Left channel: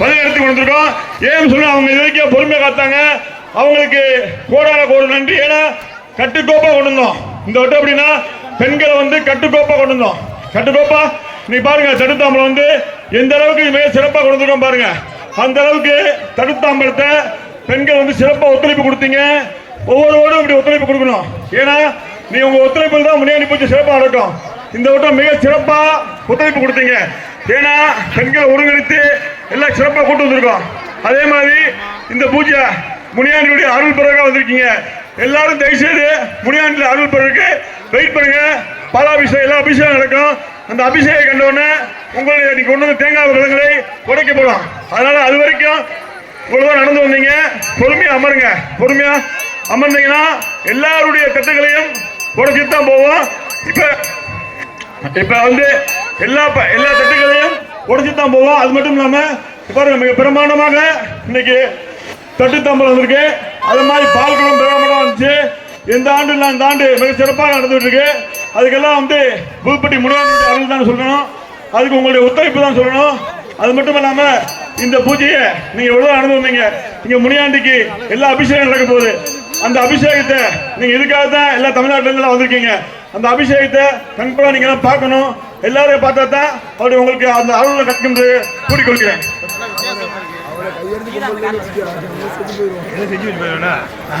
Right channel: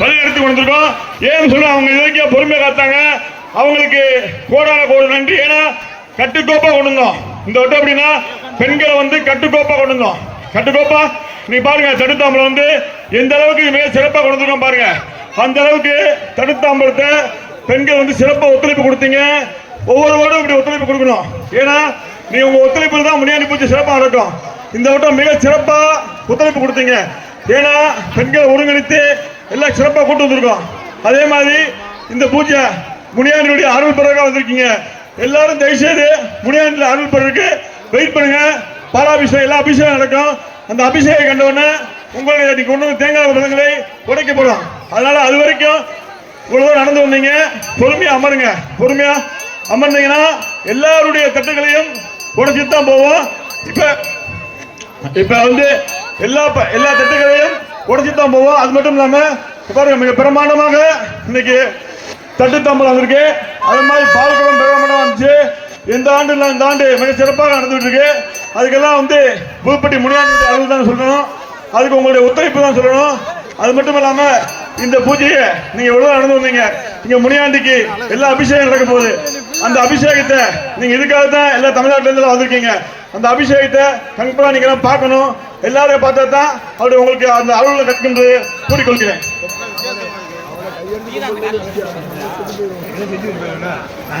வழிநடத்தி கொண்டிருக்கோம் ஏன்னு சொன்னா அவங்க இலக்கிய பொறுமையாக பொறுமையை காத்தாங்க. அவங்களுக்கு கோடான கோடு நன்றி. ஏன்னா கட்டுக்கோப்பா கொண்டு வந்தோம். இந்த வட்டம் அப்படின்னா பெண்களை வந்து கட்டுக்கோப்பா கொண்டு வந்தோம். கட்டுக்கோப்பா? நீ பாருங்க தடுத்தாம்பலம் வந்து எந்த அளவுக்கு மிக சிறப்பாக கொடுத்துருக்கோம் பாருங்க. அந்த அளவுக்கு தடுத்தாம்பலத்தை பெண்கள் வந்து சிறப்பாக ஒத்துழைப்பு கொடுத்தீங்க. ஒவ்வொருவரும் இப்படி ஒத்துழைப்பு கொடுக்கணும். ஏன்னா நீ உங்க ஒத்துழைப்பு தான் முன்னாடி பூச்சி சிறப்பாக நடக்கும் இந்த வட்டம் மிக சிறப்பாக ஒத்துழைப்பு கொடுத்தீங்க. ஏன்னா பெண்களை ஒருங்கிணைத்து எல்லாம் சிறப்பாக கொண்டு வந்திருக்கோம். அதே மாதிரி இந்த பூஜை முனியாண்டியுடைய அருள் பிறகு வந்திருக்கீங்க. எல்லாரும் தயவுசெய்து முனியாண்டியில் அருள் பிறகு வெயிட் பண்ணுங்க. பாலாபிஷேகம் எல்லா அபிஷேகம் நடக்கும். அந்த அபிஷேகம் கண்டவுடனே உங்களுடைய நீங்க கொண்டு வந்து தேங்காய் பழங்களை உடைக்கப்படும் அதனால அது வரைக்கும் இவ்வளவு நடந்து வந்தீங்க. பொறுமையா அமருங்க. பொறுமையா அமர்ந்தீங்கன்னா எல்லாருடைய தட்டுகளையும் உடைச்சிட்டு தான் போவோம். இப்ப இப்ப வந்து எல்லா எல்லா தட்டுகளையும் உடைச்சிட்டு தான் போவோம். அது மட்டும் இல்லாம பாருங்க மிக பிரமாண்டமாக இன்னைக்கு தட்டு தாம்பலம் வந்திருக்கு. அது மாதிரி பால்குளம் பிரமாண்டம் வந்துச்சு. இந்த ஆண்டு நான் இந்த ஆண்டு மிக சிறப்பாக நடந்துட்டு இருக்கு அதுக்கெல்லாம் வந்து புதுப்பட்டி முனியாண்டியுடைய அருள் தான் சொல்லணும். அதுக்கு உங்களுடைய ஒத்துழைப்பு தான் சொல்லணும். அது மட்டும் இல்லாம இந்த பூஜையை நீங்க எவ்வளவு நடந்து வந்தீங்க? இங்க முனியாண்டிக்கு எல்லா அபிஷேகம் நடக்க போகுது. அந்த அபிஷேகத்தை நீங்க இதுக்காக தான் எல்லா தமிழ்நாட்டுல இருந்து வந்திருக்கீங்க? அந்த அபிஷேகத்தை கண்டிப்பா நீங்க பார்க்கணும். எல்லாரையும் பார்த்தா தான் அப்படி உங்களுக்கு அந்த அருள் கற்கின்ற கூறிக்கொள்கிறேன்.